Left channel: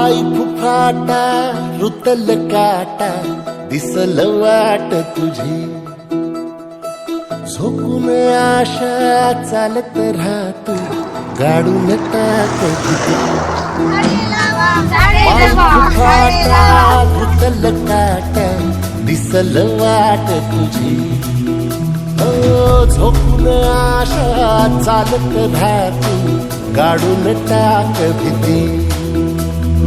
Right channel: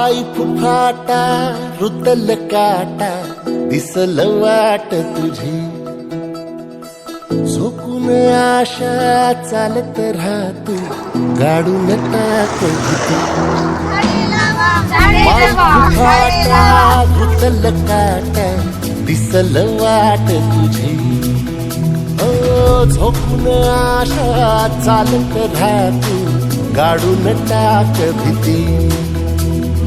पाय फुफाटा रुतल काटा दिसल वाट तुझी. झोकून आशा चालत राहतो गाडून टाक रुतल काटा दिसल वाट तुझी. हो झोपून आशा चालत राहतो गाडून टाक भीती.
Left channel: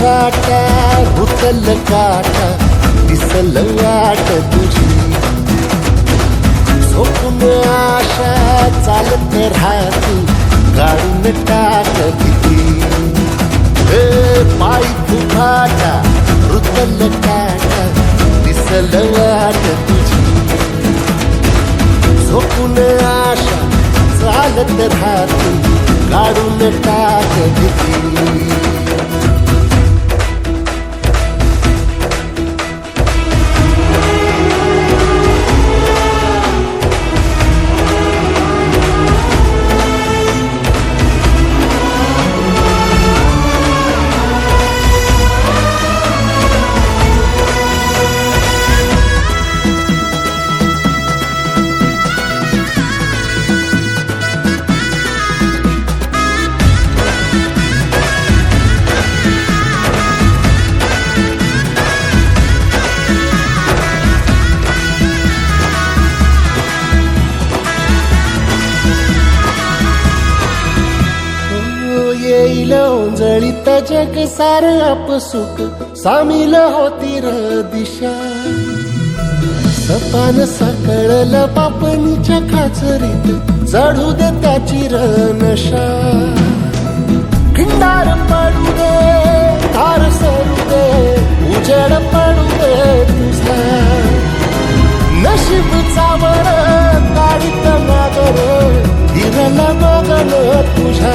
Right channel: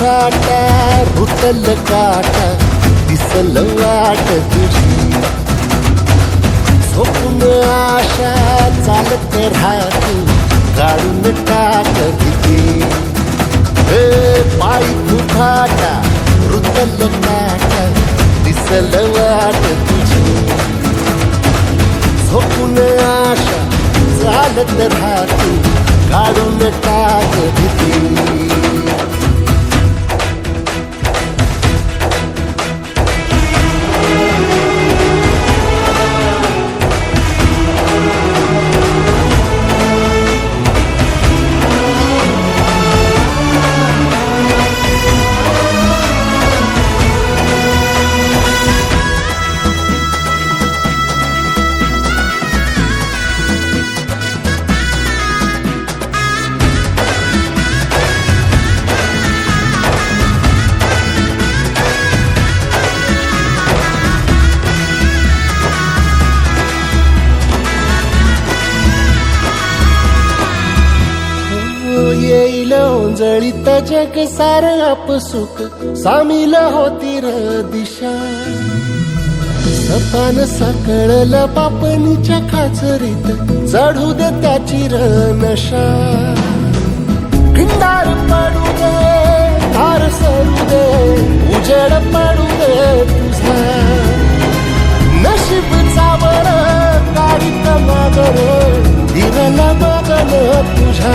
पाय भुतल रुतल काटा दिसल वाट तुझी. झोपून आशा चालत राहतो काढून टाक किती. हे पाय फुफाटा रुतल काटा दिसल वाट तुझी. झोपून आशा चालत राहतो काढून टाक भीती येईल ओंजळीत जग सार आपसुक सामील होती र दिशा. सपान सकळल पापणीच्या खाचरीत. चढू दे त्याची र नशा. खिंडार पडू दे धार सरू दे उजेड पडू दे तुझा. नशीब चावर काढीत मागर दिरल बगन तुझ्या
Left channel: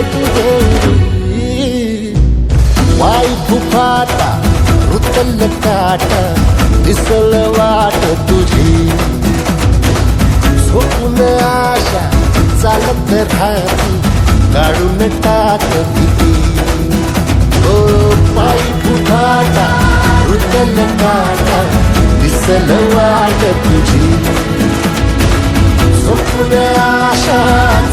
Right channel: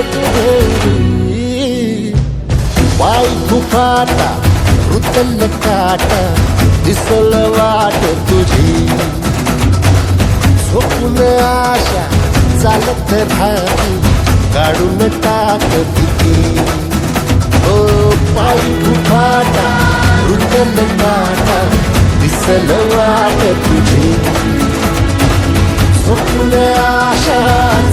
तुफान पेटू देवरी वाय फुफाटा रुतल काटा दिसल वाट तुझी झोपून आशा चालत राहती काढून टाक भीती ओ पायी फुफाटा रुतल काटा दिसल वाट तुझी झोपून आशा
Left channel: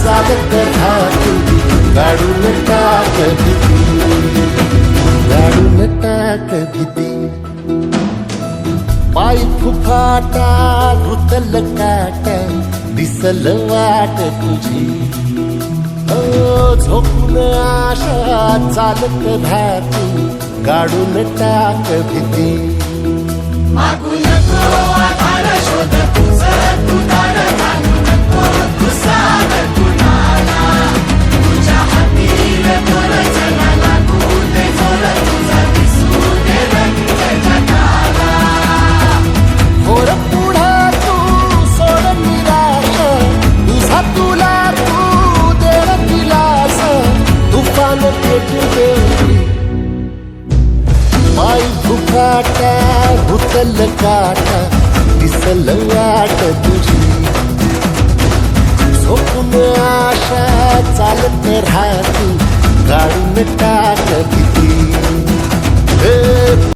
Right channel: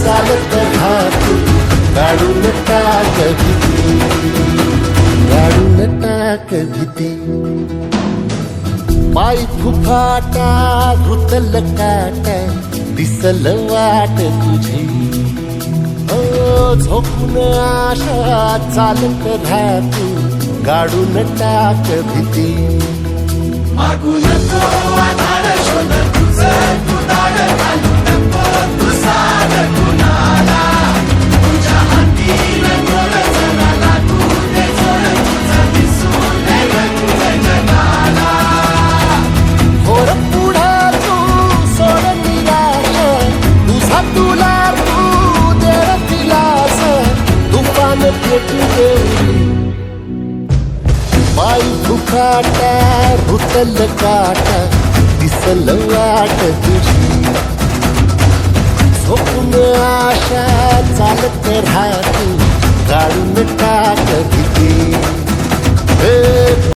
चालत राहतो काढून टाक भीती. काढून टाक भीती. पाय फुफाटा रुतल काटा दिसल वाट तुझी. हो झोपून आशा चालत धातू काढून टाक भीती. होर पेटू देवली बाई भुकाटा रुतल काटा दिसल वाट तुझी. झोपून आशा चालत राहतू काढून टाक किती.